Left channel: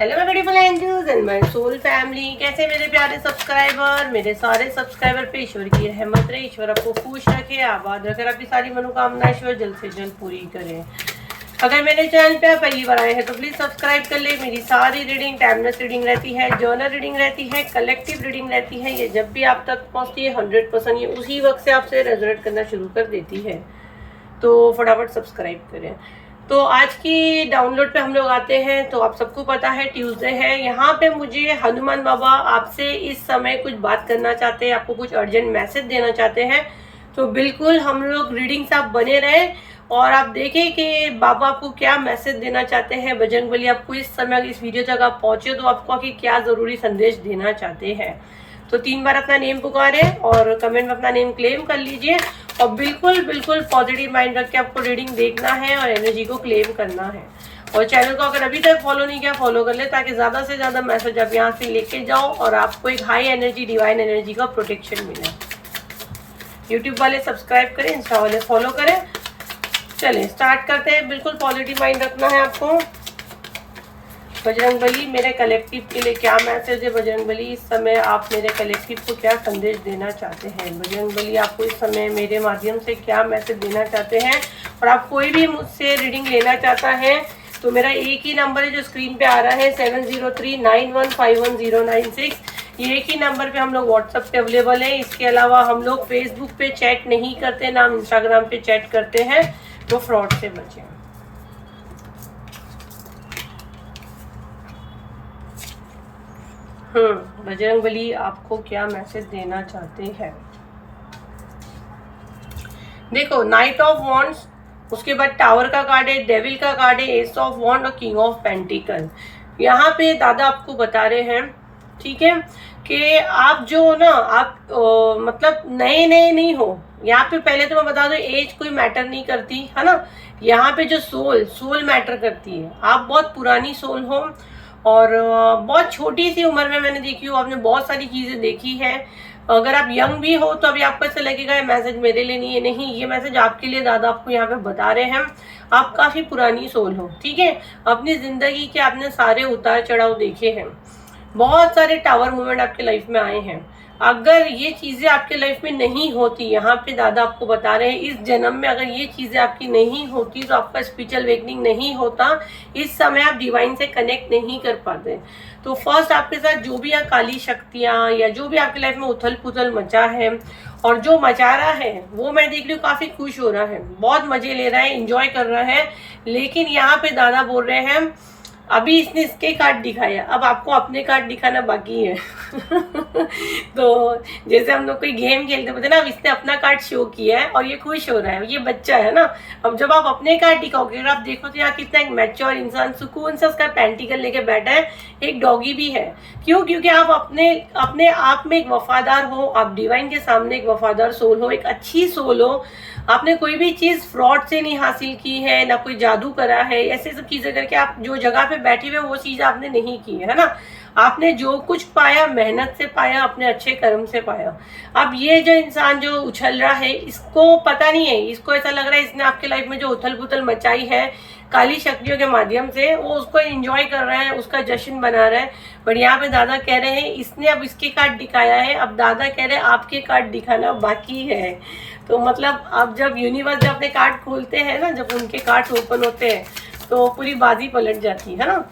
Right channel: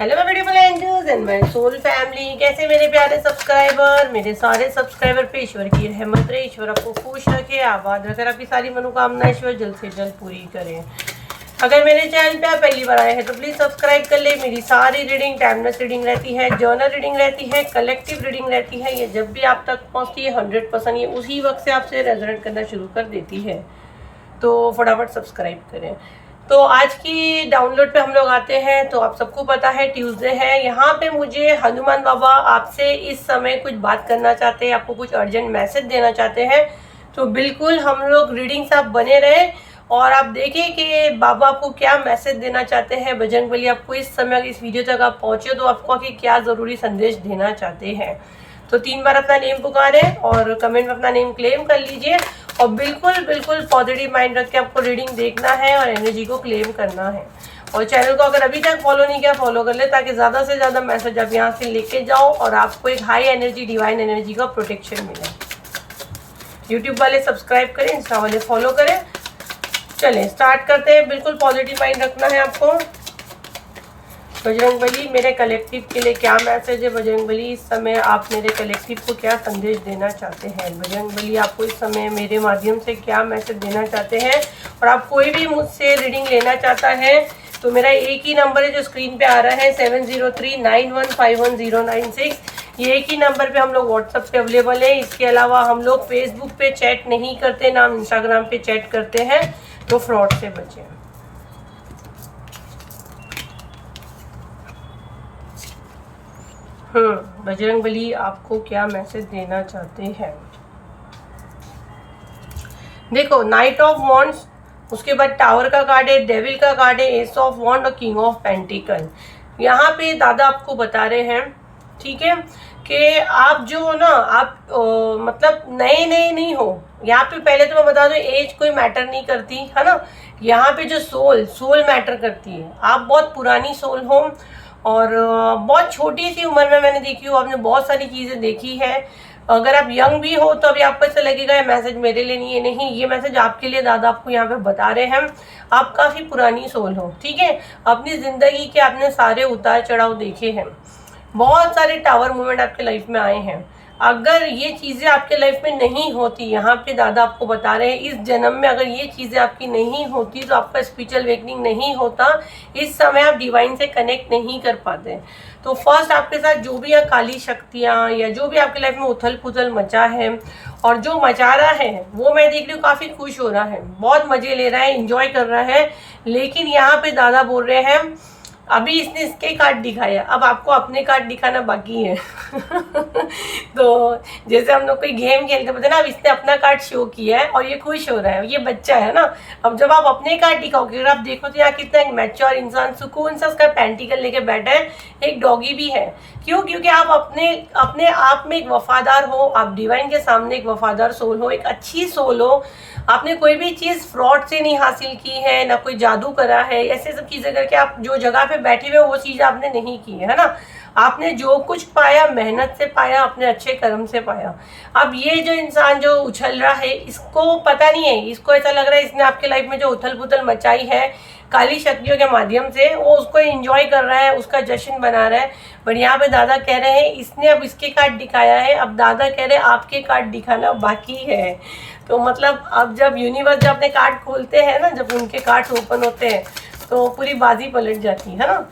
Hello my beautiful angels and my soul family. कैसे मेरे प्यारे सब्सक्राइबर, मेरे सारे सब्सक्राइबर पे ईश्वर की रहमत रहे, ईश्वर आपको खुश रखे, आबाद रखे, आपकी सारी मनोकामना ईश्वर जल्द से जल्द पूरी करे। अगर मेरे चैनल पे आप पहली बार आए हैं तो प्लीज़ सब्सक्राइब कर ले। मेरी सारी रीडिंग टाइमलेस रीडिंग रहती है, जर्नल रीडिंग रहती है, कलेक्टिव रीडिंग रहती है। ये जब भी आप तक पहुँचती है 100% ये उसी वक्त से आपसे रेजोनेट करना शुरू कर देती है, तो फटाफट सब्सक्राइब करें। तो आज की डाउनलोड पे हम लोग आते हैं। तो आप सबको पता है ट्यूसडे है, यहाँ पे मुझे हनुमान बाबा आपसे इस समय कुछ बात करना चाहते हैं, आपको कुछ अर्जेंट मैसेज देना चाहते हैं। तो बिल्कुल हम लोग रीडिंग से आप बने रहें और आप देखें कि बाबा आपको क्या मैसेज देना चाहते हैं। बजरंगबली आपको इस समय इस वीडियो तक आप पहुँचे तो आपको आखिर क्या ज़रूरी संदेश देना चाहते हैं। तो 3 बार अपना नेम पुकारें और कमेंट में अपना नेम क्लेम कर लीजिए और बिल्कुल बिल्कुल पॉजिटिव माइंड रख के आपको रीडिंग देखना है और एनर्जी को क्लेम करना है। और चैनल को अगर अभी तक फॉलो नहीं किया फॉलो कर ले, ताकि ज़्यादा से ज़्यादा मैसेज आप यहाँ से लेके जाओ और आपको एक हाई एनर्जी डिवाइन एनर्जी का प्रोटेक्शन मिले। यूट्यूब वाले सब्सक्राइब करें, इंस्टा वाले फॉलो करें। चलें स्टार्ट करते हैं। बिल्कुल पॉजिटिव माइंड रखना है आपको। बजरंगबली मेरे कलेक्टिव के लिए क्या मैसेज है? बजरंगबली इस समय आप मेरे कलेक्टिव को क्या संदेश देना चाहते हैं? बजरंगबली आपको इस समय मेरे माध्यम से क्या मैसेज देना चाहते हैं? और आप कोई भी मुझसे रीडिंग लेना चाहता है तो मेरा एक ही नंबर है जो स्क्रीन पे आ रहा है 7039151096। ये एक ही नंबर पे हम लोग व्हाट्सएप पे अवेलेबल है। इसके अलावा हम लोग फेसबुक पे चैट नहीं करते, ना हम इंस्टाग्राम पे चैट करते हैं, तो फ्रॉड से बचें। बजरंगबली आपको क्या मैसेज देना चाहते हैं? देखो, नाइट ऑफ वॉन्ड्स, उसके बाद टावर का कार्ड है, डेविल का कार्ड है, एस ऑफ वॉन्ड और किंग ऑफ पेंटिकल। यहाँ पे दादा आपको बता रहे हैं, ठीक है, कि आप जो ना आप मतलब नए नए नहीं हो। यहाँ पे पहले तो मैं बता दूं, एज कोई मैटर नहीं करती है ना। यहाँ पे जो सोल मैटर करती है। आप बहुत पुरानी सोल हो और बहुत छोटी सी उम्र में मैंने देखी हो, आपने बहुत सारी चीज़ें देखी है। अगर आप यंग भी हो तो अभी आपको ऐसा लगेगा ये मैसेज मेरे लिए नहीं है, नहीं, ये मैसेज आपके लिए दादा आपको यहाँ पे बता रहे हैं। आप काफ़ी पुरानी सोल हो, ठीक है। अपनी ज़िंदगी के आपने सारे उतार चढ़ाव देखे हैं, बहुत सारे टावर मूवमेंट आपके लाइफ में आए हैं। अगर ये चीज़ें आपके लाइफ में नहीं होती, यहाँ पे दादा आपको बता रहे हैं, इस जन्म में अगर ये चीज़ें आपकी नहीं होती तो आपका स्पिरिचुअल अवेकनिंग नहीं होता। इस समय आप डिवाइन से कनेक्ट नहीं कर पाते। तो फर्स्ट आपके साथ जो भी काली शक्तियाँ या जो भी आपके लाइफ में उथल पुथल मचा है और जो मचा रहा है, वो मैं देख रही हूँ काफ़ी खुश हो रहा है, बहुत मज़े ले रहा है, इंजॉय कर रहा है। लेकिन यहाँ पे दादा बोल रहे हैं, अभी इसने इसके कार्ड दिखाया, अब आपको अपने कार्ड दिखाना बाकी है। तो जैसे हम लोग कोई गेम खेलते बोलते ना, अब इसने अपना कार्ड शो किया है और ये खुश हो रहा है, ये बच्चा है ना। अब जब आप अपने कार्ड दिखाओगे, अगर आप देखो तो यहाँ कितना एक मैच्योर इंसान सुकून से उसका पेंटिकल लेके बैठा है, एक डॉगी भी है। क्यों? क्योंकि आप अपने आप में एक वफादार हो, आप डिवाइन के सामने एक वफादार सोल हो, एक अच्छी सोल हो। आपने कोई भी चीज़ फ्रॉड से नहीं हासिल की है, ना कोई जादू करा है, ऐसे सब चीज़ें करके आप जो जगह पे बैठे हुए वो चीज़ आपने नहीं की है ना। आपने जो कुछ पाया मेहनत से पाया, अपने अच्छे कर्म से पाया। अब ये जो इंसान जो उछल रहा है, इसको पता नहीं है, इसको ऐसा लग रहा है इसने आपके लाइफ में जो उथल पुथल मचाई है काली शक्तियों के माध्यम से, वो उसको एंजॉय कर रहा है, उसका जश्न बना रहा है। बट यहाँ पे दादा कह रहे हैं इसने अब इसके कार्ड दिखाया है, अब दादा कह रहे हैं आपके कार्ड दिखाना बाकी है। तो मतलब अब जब यूनिवर्स जब अपने कार्ड खोलते हैं ना, जब उनके कार्ड ओपन होते हैं तो पूरी बाजी पलट जाती है ना।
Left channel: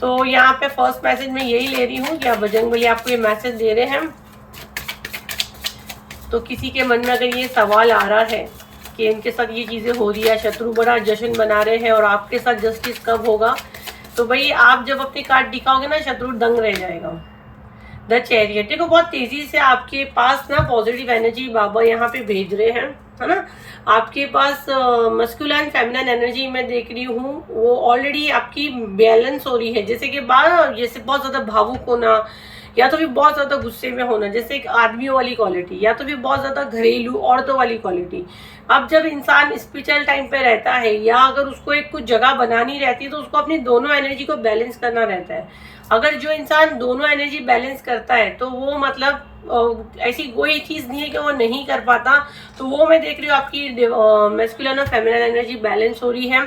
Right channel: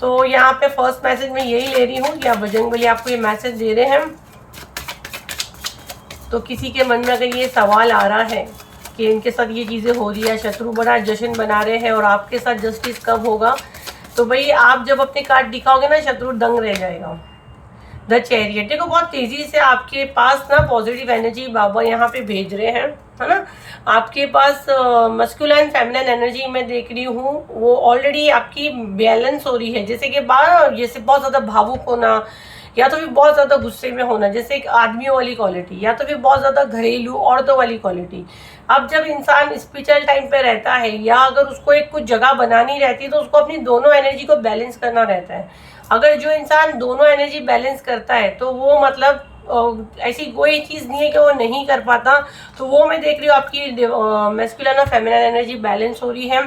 तो यहाँ पे फर्स्ट मैसेज में यही ले रही हूँ कि आप बजरंगबली आपको ये मैसेज दे रहे हैं। तो किसी के मन में अगर ये सवाल आ रहा है कि इनके साथ ये चीज़ें हो रही है, शत्रु बड़ा जश्न बना रहे हैं और आपके साथ जस्टिस कब होगा, तो भाई आप जब अपने कार्ड दिखाओगे ना, शत्रु दंग रह जाएगा। द चैरियट, देखो बहुत तेजी से आपके पास ना पॉजिटिव एनर्जी बाबा यहाँ पे भेज रहे हैं, है ना। आपके पास मस्कुलाइन फेमिनाइन एनर्जी मैं देख रही हूँ, वो ऑलरेडी आपकी बैलेंस हो रही है। जैसे कि जैसे बहुत ज़्यादा भावुक होना, या तो फिर बहुत ज़्यादा गुस्से में होना, जैसे एक आदमियों वाली क्वालिटी, या तो फिर बहुत ज़्यादा घरेलू औरतों वाली क्वालिटी। अब जब इंसान स्पिरिचुअल टाइम पे रहता है या अगर उसको एक कुछ जगह बनानी रहती है तो उसको अपनी दोनों एनर्जी को बैलेंस करना रहता है। अगर जो इंसान दोनों एनर्जी बैलेंस करता है तो वो मतलब ऐसी कोई चीज़ नहीं है कि वो नहीं कर पाता। तो वो मैं देख रही हूँ आपकी मैस्कुलिन और फेमिनिन एनर्जी बैलेंस हो रही है।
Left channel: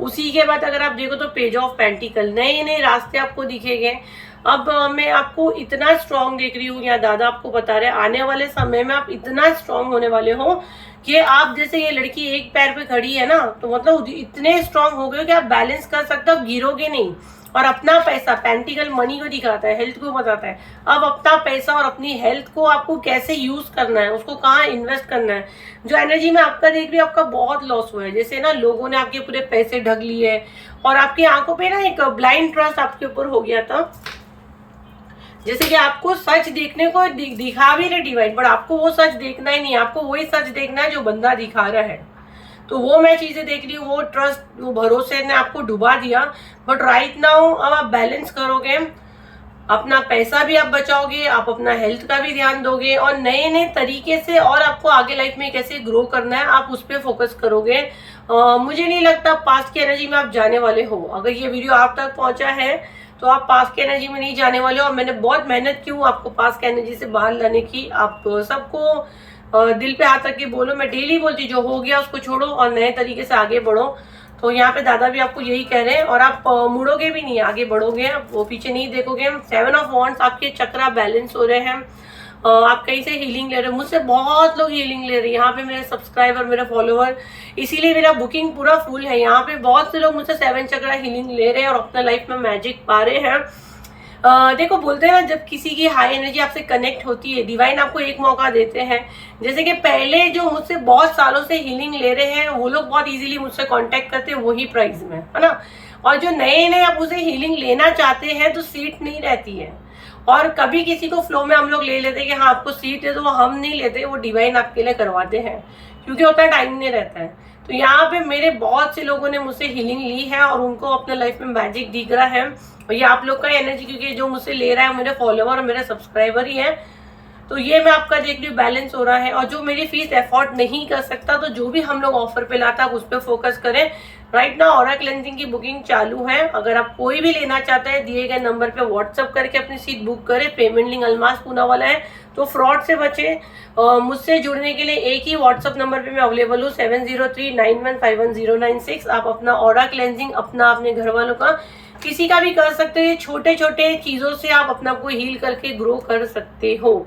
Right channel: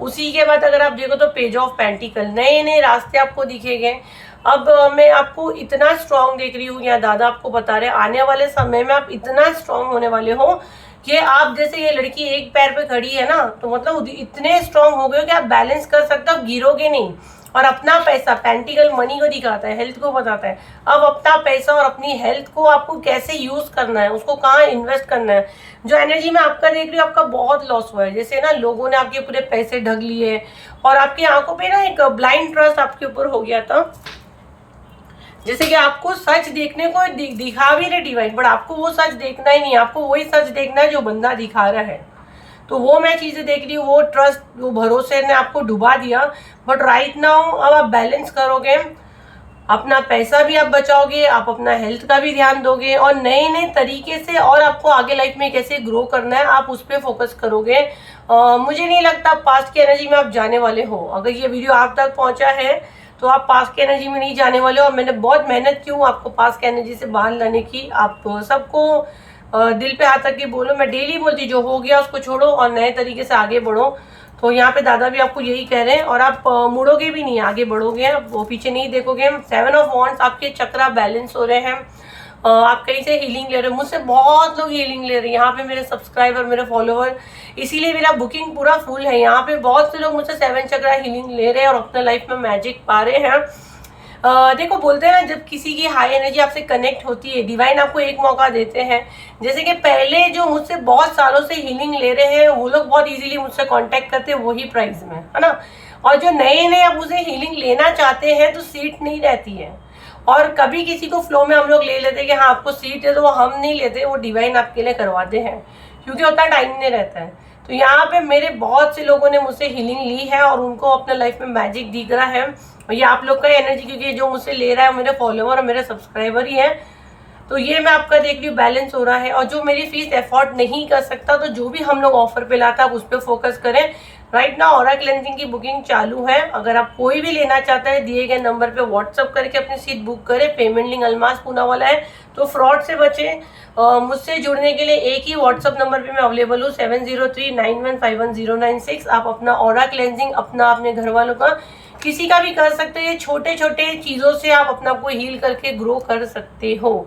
उसी के बाद अगर आप देखो तो पेज ऑफ पेंटिकल, नए नए रास्ते आपको दिखेंगे। अब मैं आपको इतना स्ट्रांग देख रही हूँ, या दादा आपको बता रहे आने वाले समय में आप इतना स्ट्रांग होने वाले हो कि आप जैसे ये लड़की एक पैर पे खड़ी है ना, तो मतलब इतने स्ट्रांग हो गए कि आप बैलेंस कर सकते हो, गिरोगे नहीं। और अपना पैसा, पेंटिकल मनी को दिखाता है, हेल्थ को बताता है। अब अपना पैसा और अपनी हेल्थ को आपको कैसे यूज करना है, उसको कहाँ इन्वेस्ट करना है। जो एनर्जी में आपका देख रही हूँ, आपका बहुत लॉस हुआ है। जैसे ना लोगों ने आपके पूरे पैसे ढक लिए और आपकी आंखों पे ना एक ब्लाइंड ट्रस्ट आपके ऊपर हो गया था। जैसे कि आपको सच देखने को दिखा भी रहे डिवाइन, बट आपको वो सच देखना ही नहीं, आपको वही सच देखना है जो बंदा दिखा रहा है। तो वो मैं चीजें देख रही हूँ, वो ट्रस्ट, वो भरोसे ने आपको डुबा दिया। बट राइट नाउ अब आप बैलेंस करोगे, अपना पैसा भी आप बचाओगे, आप अपना हेल्थ का भी ध्यान दोगे, और नए नए तरीके से और आपको आगे लाइफ में कैसे ग्रो करना है आप उस पर फोकस करोगे। मुझे नहीं लगता पास्ट की एनर्जी में आप जाने वाले हो। अगर ये वीडियो आप तक पहुंचा है तो आप पास्ट की एनर्जी में नहीं जाने वाले हो। और मैंने बहुत मेहनत की हूँ आपको पास्ट की एनर्जी से बाहर लाने की। आप सबको दिल पे हाथ रख के बोलो, मैं डेली बोलती जो हो गया उसको छोड़ो और नए तरीके से आगे बढ़ो। तो यहाँ पे दादा भी आपको यही कह रहे हैं, और आप मुड़ोगे भी नहीं, आगे बढ़ोगे, आप वो पीछे नहीं देखोगे। 7 ऑफ वॉन्ड्स, आपके चक्रा बैलेंस हो रहे हैं। आप कहीं से हीलिंग ले रहे हो, मुझसे बहुत लोग हीलिंग ले रहे हैं यहाँ पे, मेरे सब्सक्राइबर, मेरे फॉलोवर, इसीलिए मेरा बुकिंग पूरा फुल है। यहाँ पे बहुत से लोग मुझसे 7 चक्रा हीलिंग ले रहे हैं और अपने लाइफ में मैजिक पा रहे हैं। देखो बोलते हैं जब किसी की हाई एनर्जी आपसे कनेक्ट होती है, डिवाइन आपको एक मौका देते हैं। जैसे कि पहले जो मुझसे बहुत सालों से हीलिंग ले रहे हैं वो लोग बहुत इजीली मुझसे कांटेक्ट करते हैं वही प्राइस में, है ना। और जो नए नए अब उसे हीलिंग लेना चाहते हैं तो सीट नहीं रहती है। और कभी किसी को फ्लो में हम लोग ले लेते हैं कि हाँ आपको सीट है, तो वो हम नहीं लेते, वो डिवाइन आपके लिए करवाते हैं, क्योंकि उतना टाइम नहीं रहता है। तो यहाँ पे मेरे बहुत से लोगों ने मुझसे हीलिंग ली है और उनको अपने लाइफ में मैजिक दिख रहा है। और ये आप लोग का एनर्जी, क्योंकि जो मुझसे ले रहा है मेरे फॉलोवर और मेरे सब्सक्राइबर ही है। तो ये मैं आपका देख रही हूँ बैलेंस हो रहा है। और जो मेरी फीस एफोर्ड नहीं कर सकता, तो जो भी हम लोग ऑफर पे लाता है आप उस पर फोकस करें। राइट नाउ ऑरा क्लेंजिंग की बुकिंग चालू है। अगर आप कोई भी लेना चाहता है दिए गए नंबर पे व्हाट्सअप करके अपनी सीट बुक करें। पेमेंट लिंक अलमास पूना वाला है, तो फ्रॉड से बचे। मुझसे जुड़ने के लिए एक ही व्हाट्सअप नंबर पे मैं अवेलेबल हूँ, 7039151096। आप अपना ऑरा क्लेंजिंग अपने घर वालों का किसी का भी कर सकते हो। छोटे छोटे चीजों से आप अपना को हील करके ग्रो कर सकते हो।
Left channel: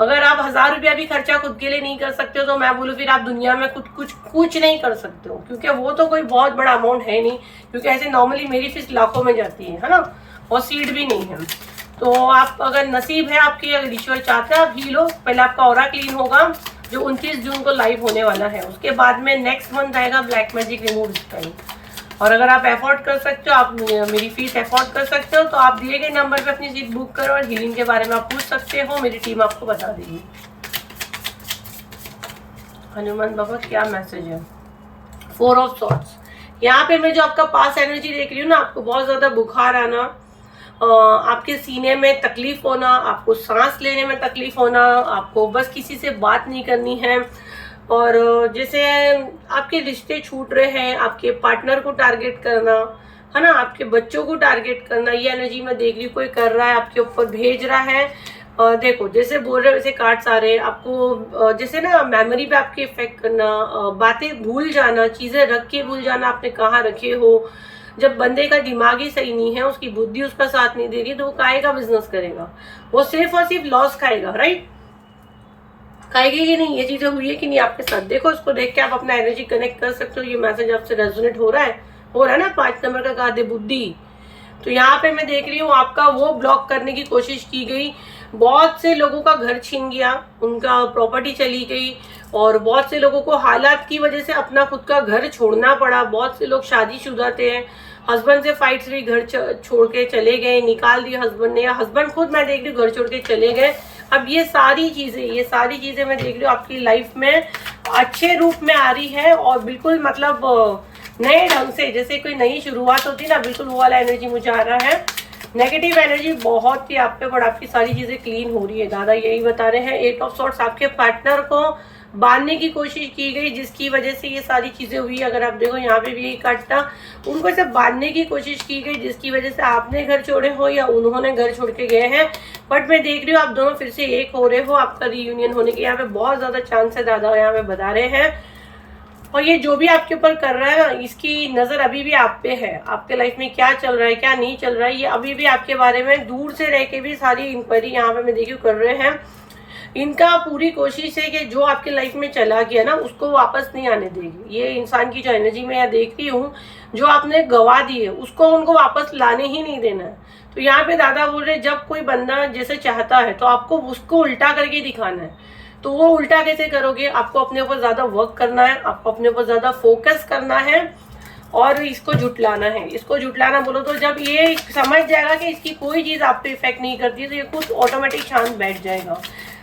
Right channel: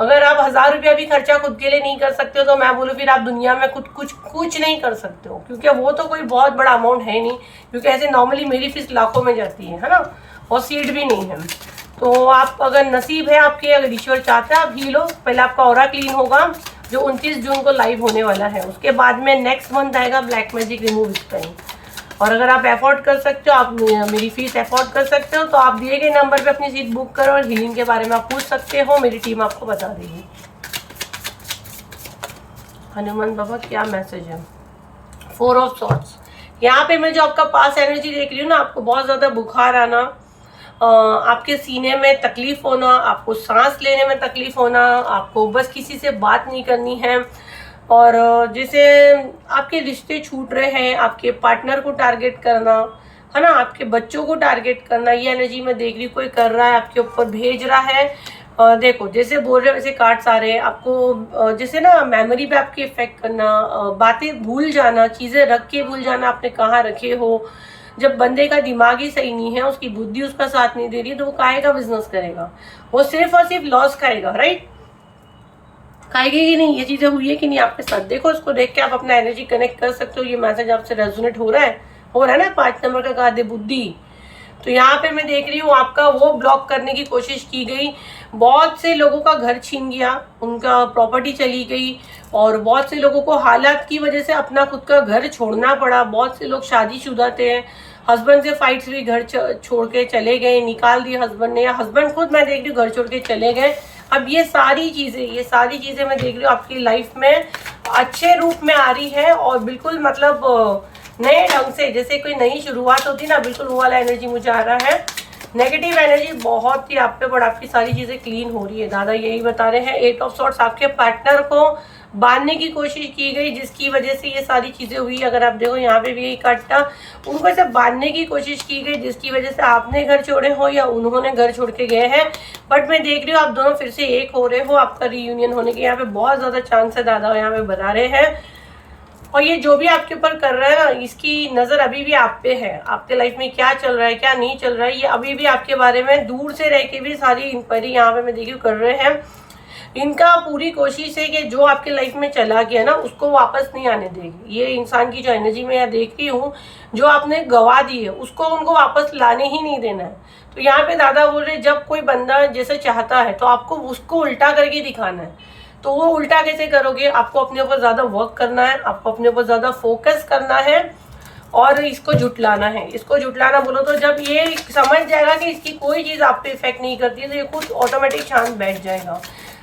अगर आप 1000 रुपया भी खर्चा खुद के लिए नहीं कर सकते हो, तो मैं बोलूँ फिर आप दुनिया में कुछ नहीं कर सकते हो, क्योंकि वो तो कोई बहुत बड़ा अमाउंट है नहीं। क्योंकि ऐसे नॉर्मली मेरी फीस लाखों में जाती है ना, और सीट भी नहीं है। तो आप अगर नसीब है आपके, अगर ईश्वर चाहते हैं आप हील हो। पहले आपका ऑरा क्लीन होगा जो 29 जून को लाइव होने वाला है। उसके बाद में नेक्स्ट मंथ आएगा ब्लैक मैजिक रिमूव टाइम। और अगर आप अफोर्ड कर सकते हो, आप मेरी फीस अफोर्ड कर सकते हो, तो आप दिए गए नंबर पे अपनी सीट बुक करो और हीलिंग के बारे में आप पूछ सकते हो, मेरी टीम आपको बता देगी। हनुमान बाबा क्या मैसेज है? 4 ऑफ सॉर्ड्स। यहाँ पे मैं जो आपका पास एनर्जी देख रही हूँ ना, आपको बहुत ज्यादा बुखार आना, आपके सीने में तकलीफ होना, आपको सांस लेने में तकलीफ होना, आपको बस किसी से बात नहीं करनी है, और जैसे आपके रिश्ते छूट रहे हैं, आपके पार्टनर को टारगेट करना, है ना, आपके बच्चों को टारगेट करना, ये एनर्जी मैं देख रही हूँ। कोई कर रहा है, आपके ऊपर भेज रहा है। देखो जैसे बोल रहे हो वैसे कार्ड्स आ रहे हैं आपको, जैसे ना मेमोरी पे आपके इफेक्ट करना, बातें भूल जाना, चीजें रख के भूल जाना आपने कहाँ रखे हो। जब बंदे का दिमाग ही सही नहीं है, उसकी बुद्धि उसका साथ नहीं दे रही, तो वो काहे का बिजनेस करेगा? वो सिर्फ और सिर्फ लॉस खाएगा, राइट? खाएगी कि नहीं? ये चीजें हुई है कि नहीं आपके साथ? देखो उसको देख के आप अपना एनर्जी कनेक्ट कर सकते हो। ये मैसेज आपसे रेजोनेट हो रहा है ना? 5 नंबर का कार्ड है बुद्धि। तो यहाँ पे मैं देख रही हूँ आपका वो ब्लॉक करने की कोशिश की गई। बहुत से लोगों का घर छीन गया, उनका प्रॉपर्टी चली गई, और बहुत से लोगों को हालात की वजह से अपना खुद का घर छोड़ना पड़ा। बहुत से लोग शादीशुदा थे, हस्बैंड से फाइट्स हुई, घर छोड़ के चले गए, निकाल दिया हस्बैंड ने, या हस्बैंड खुद मैं देख रही हूँ घर छोड़ के चले गए। अब ये सारी चीजें मैं देख रही हूँ आपकी लाइफ में अच्छे रूप में आ रही है, और बिल्कुल मतलब नए ढंग से, जैसे कोई नई शुरुआत होती है ना, बिल्कुल वो वाला एनर्जी मुझे आ रहा है। नेगेटिव एनर्जी बहुत ही आप पे, बट आपकी सारी चीजें क्लीन हो रही है। दादा यही बता रहे हैं। 8 ऑफ सॉर्ड्स, आपके पार्टनर को बांधने की कोशिश की गई, जिसकी वजह से ये सारी चीजें हुई। अगर आप देखो यहाँ पे भी काटना, उनको ऐसे बांधने की कोशिश की गई, जिसकी वजह से आपने घर छोड़े हो या उन्होंने घर छोड़ के गए हैं। बट मैं देख रही हूँ आप दोनों फिर से एक हो रहे हो, आपका रीयूनियन होने के यहाँ पे बहुत ज्यादा चांस है, दादा यहाँ पे बता रहे हैं। और ये जो भी आपके ऊपर कर रहा है ना, इसकी नज़र अभी भी आप पे है। आपके लाइफ में क्या चल रहा है, क्या नहीं चल रहा है, ये अभी भी आपके बारे में दूर से रह के भी सारी इंक्वायरी यहाँ पे मैं देखी कर रहे हैं। इनका पूरी कोशिश है कि जो आपके लाइफ में चला गया ना, उसको वापस नहीं आने देगी। ये इंसान की जो एनर्जी मैं यहाँ देख रही हूँ, जो आपने गवा दी है उसको उनको वापस लाने ही नहीं देना है। तो यहाँ पे दादा बोल रहे, जब कोई बंदा जैसे चाहता है तो आपको उसको उल्टा करके दिखाना है। तो वो उल्टा कैसे करोगे? आपको अपने ऊपर ज़्यादा वर्क करना है, आपको अपने ऊपर ज़्यादा फोकस करना है और इसको जुटलाना है। इसको जुटलाना बोलो तो जब ये समझ जाएगा कि इसकी कोई चीज़ आप पे इफेक्ट नहीं करती है, तो ये खुद ऑटोमेटिक शांत बैठ जाएगा।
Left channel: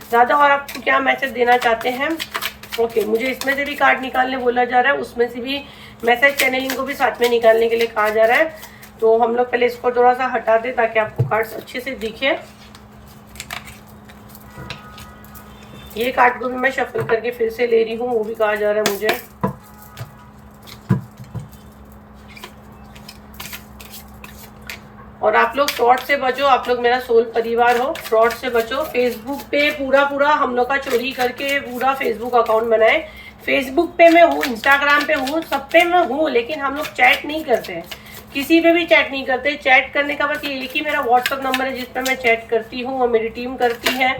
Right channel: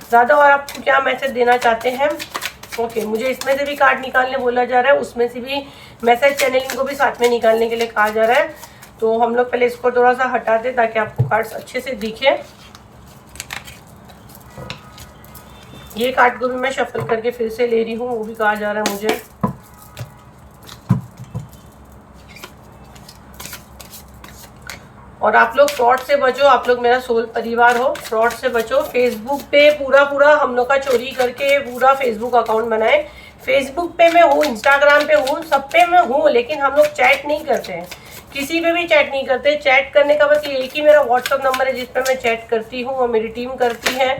ज़्यादा और आपको क्या मैसेज देना चाहते हैं? ओके, मुझे इसमें से भी कार्ड निकालने बोला जा रहा है, उसमें से भी मैसेज चैनलिंग को भी साथ में निकालने के लिए कहा जा रहा है। तो हम लोग पहले इसको थोड़ा सा हटा दें ताकि आपको कार्ड्स अच्छे से दिखे। ये कार्ड को भी मैं शफल करके फिर से ले रही हूँ, वो भी कहा जा रहा है मुझे। और आप लोग फ्रॉड से बचो, आप लोग मेरा सोल परिवार हो, फ्रॉड से बचो। फेसबुक पे पूरा हम लोग का चोरी करके पूरा फेसबुक अकाउंट बनाए। फेसबुक पे मैं हूँ, इंस्टाग्राम पे हूँ, सब पे मैं हूँ, लेकिन हम लोग चैट नहीं करते हैं, किसी पे भी चैट नहीं करते। चैट करने का बस ये एक ही मेरा व्हाट्सअप नंबर है जिस पे मैं चैट करती हूँ और मेरी टीम करती है।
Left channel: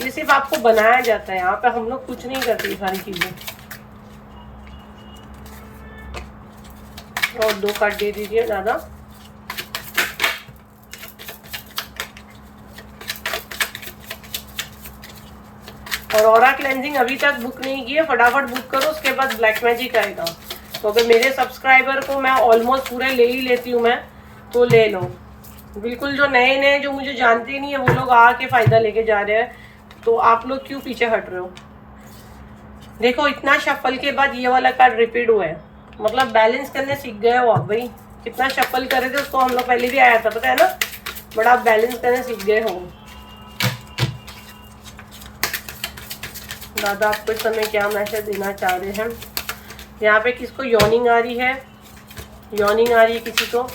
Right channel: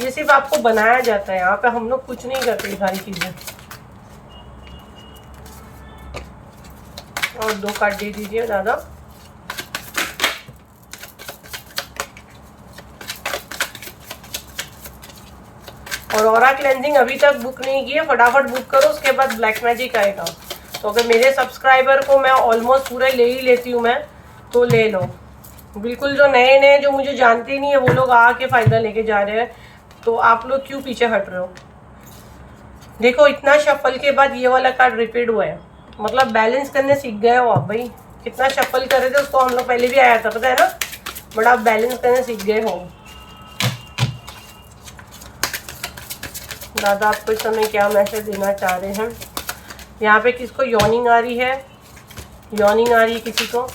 ये सिर्फ आपको बनाया जाता है, यहाँ पे हम लोग कुछ नहीं करते ये सारी चीजें। और 2 कार्ड दे दीजिए दादा। और ऑरा क्लेंजिंग अभी तक बुक नहीं की है, फटाफट बुक करो, उसके बाद ब्लैक मैजिक आएगा। तो अगर मेरे सब्सक्राइबर को मैं ऑलमोस्ट पूरे ले ही लेती हूँ मैं, तो ले लो। बिल्कुल जो नए नए जो मुझे जानते नहीं है वो लोग आके फायदा लेके जा रहे हैं, तो आप लोग क्यों पीछे हट रहे हो? देखो, इतना शफल के बाद ये वाला कार्ड रिपीट हुआ है, मतलब बैलेंस करने सीख गए हो आप भाई। कितना शफल कर रहे थे उसको हम लोग पहले भी आया था, पता है ना, बट आप बैलेंस करने सीख गए हो। दादा आपको इस समय क्या मैसेज देना चाह रहे हैं? यहाँ पे किसको यॉर्निंग आ रही है? यॉर्निंग आ रही है किसी को,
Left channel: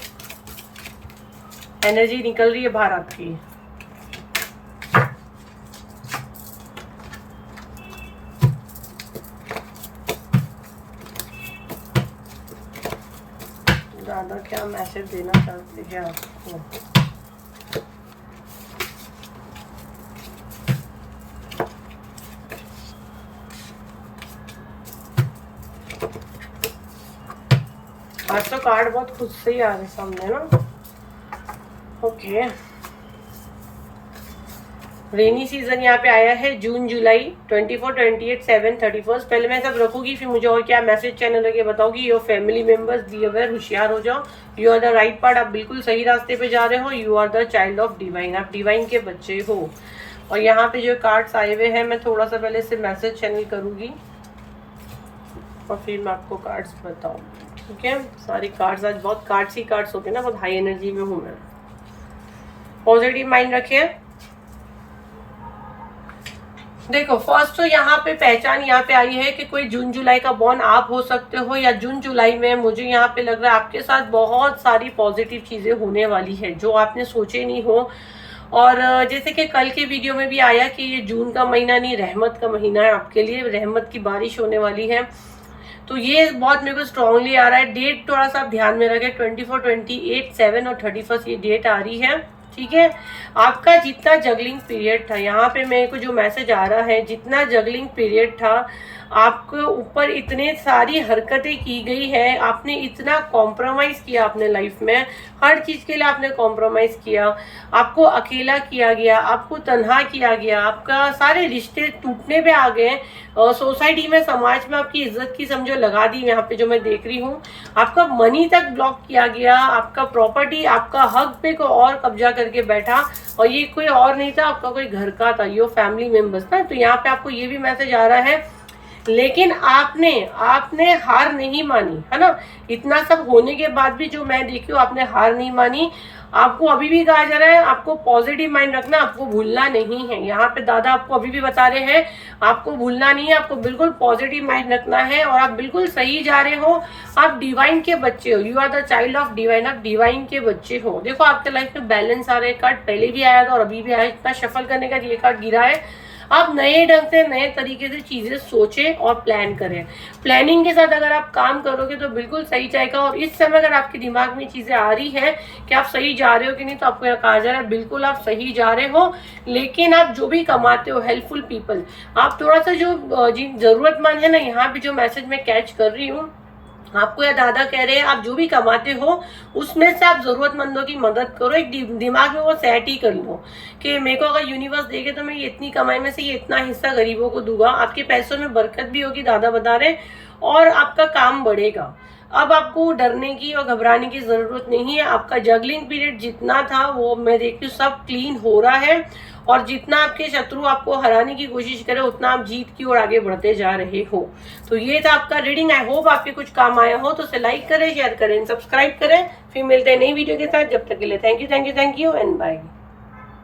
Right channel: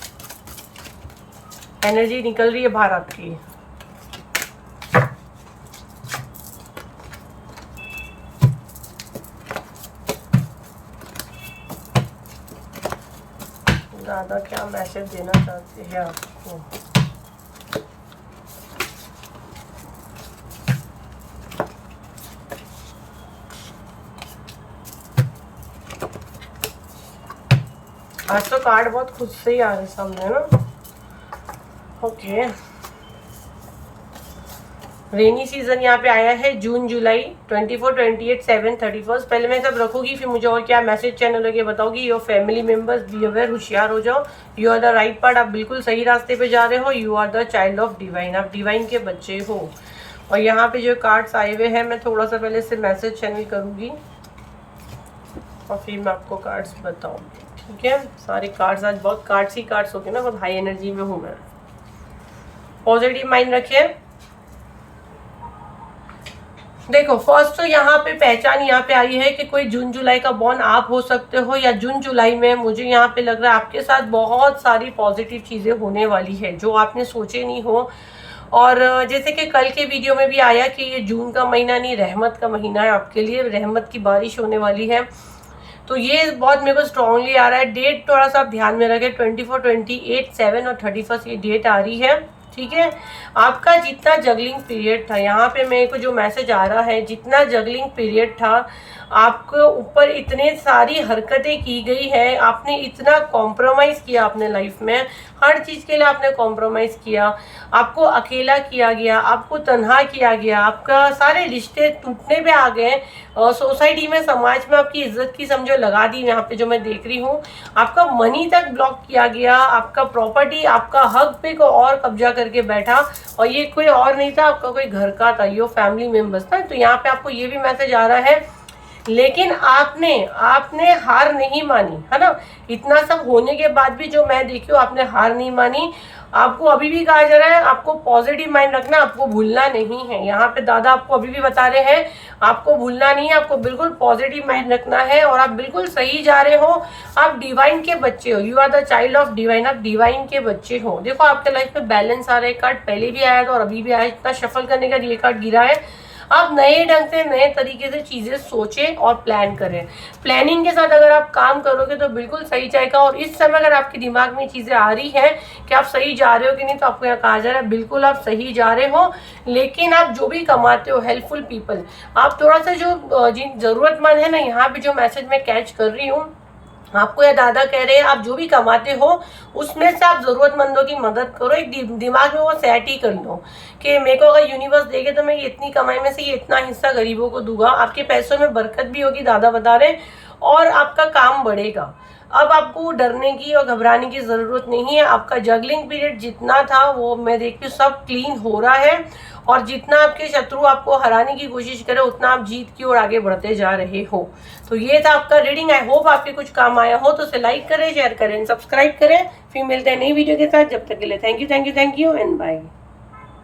एनर्जी निकल रही है बाहर आपकी। दादा क्या मैसेज देना चाहते हैं आपको? आज तो कार्ड बहुत खुद से ही आ रहे सामने ना। ओके, रेनी सीजन यहाँ पे आया है, जून जुलाई 24, 28, 7, 31। पहले मैं सब रखूंगी, फिर मुझे और क्या मैसेज चैनल लगे बताओगी। Your family members be aware, होशियार हो जाओ। You are the right part, आप बिल्कुल सही रास्ते पे जा रहे हो। You are the child of divine, आप डिवाइन के बच्चे हो। और यहाँ पे जो कार्ड्स आए हुए हैं, मैं थोड़ा सा पहले से मैसेज चैनल करूँगी और फिर मैं आपको कार्ड्स बताऊँगी, ठीक है। सारे कार्ड्स आज बहुत कार्ड्स ही कार्ड्स होते हैं ना, बहुत हाई एनर्जी में हूँ मैं। पॉजिटिव माइंड रखें। देखो, फर्स्ट तो यहाँ पे पहचान यहाँ पे आई है कि कोई जून जुलाई का बॉर्न आप हो सकते हो, या जून जुलाई में मुझे यहाँ पे लग रहा है आपके साथ बहुत सारी पॉजिटिव चीजें होने वाली है जो आपने सोचे नहीं हो। और जैसे कि कल के वीडियो में भी आया कि ये जून का महीना नहीं, रहमत का महीना है आपके लिए, रहमत की बारिश होने वाली है। तो ये बहुत मेरे को स्ट्रांगली आ रहा है। डेट थोड़ा सा आप ध्यान में रखें, 24, 28, 7 और 31 ये डेट आ रही है, ठीक है। आपका जितना जगलिंग पीरियड था, यहाँ पे मेरे को जो मैसेज आ रहा है, जितना जगलिंग पीरियड था, आपके ऊपर इतने सारी हरकतें की गई है, आपने इतना कॉम्प्रोमाइज किया अपने लाइफ में, हर चीज के लिए आपने कॉम्प्रोमाइज किया, आपको अकेला किया गया, आपको तन्हा किया गया, आपका सारे रिश्ते टूटने पे आ गए, और सोसाइटी में, समाज में आपकी इज्जत की समझो लगा दी। यहाँ पे जो मैं देख रही हूँ, आपका मनी तक ब्लॉक किया गया, आपका प्रॉपर्टी, आपका हक पे को और कब्जा करके बैठा, और ये कोई और नहीं था, आपका कोई घर का था, ये फैमिली मेंबर्स था। तो यहाँ पे आपको ये भी मैसेज आ रहा है, लेकिन आपने हार नहीं मानी, है ना। इतना सब होने के बाद भी जो मैं देखी हूँ, आपने हार नहीं मानी। आपको अभी भी कहा जा रहा है, आपको पॉजिटिव माइंड रखना, आपको भूलना नहीं है। यहाँ पे दादा आपको अभी भी बता रहे हैं, आपको भूलना नहीं है, आपको बिल्कुल पॉजिटिव माइंड रखना है, और आप बिल्कुल सही जा रहे हो। आप डिवाइन के बच्चे हो, you are the child of divine, आप डिवाइन के बच्चे हो। देखो, आपके लाइफ में बैलेंस आ रहा है, कार्ड पहले भी आया था और अभी भी आया है। इतना शफल करने का ये कार्ड गिरा है, आप नए ढंग से नए तरीके से चीज़ें सोचें और प्लान करें। प्लानिंग के साथ अगर आप काम करोगे तो बिल्कुल सही जाएगा। और इस समय अगर आपके दिमाग में चीज़ें आ रही है कि आप सही जा रहे हो कि नहीं, तो आपको यहाँ कहा जा रहा है बिल्कुल आप सही जा रहे हो। लेकिन आप जो भी कमाते हो, हेल्पफुल पीपल, आप थोड़ा सा जो जिन ज़रूरतमंद है ना, यहाँ पे जो मैसेज मैं कैच कर रही हूँ, आपको या दादा कह रहे हैं आप जो भी कमाते हो उसमें से आप जरूरतमंदों की मदद करो। एक दिमाग में वो सेट ही कर लो कि मेरे को अगर यूनिवर्स देगे तो मैं इतनी कमाई में से ये इतना हिस्सा गरीबों को दूंगा। आपके पैसों में बरकत भी होगी, दादा बता रहे, और आपका काम बढ़ेगा। अब आपको डरने की और घबराने की जरूरत नहीं है। आपका जगलिंग पीरियड जितना था वो मैं देखती हूँ सब क्लीन हो रहा है। और जितना आपके शत्रु आपको हराने की कोशिश करे उतना आप जीत की ओर आगे बढ़ते जा रहे हो। तो ये था आपका रीडिंग। आई होप आपके कुछ काम आया हो, तो उसे लाइक करें, शेयर करें, सब्सक्राइब करें। फिर मिलते हैं नई वीडियो के साथ। जब तक के लिए थैंक यू एंड बाय।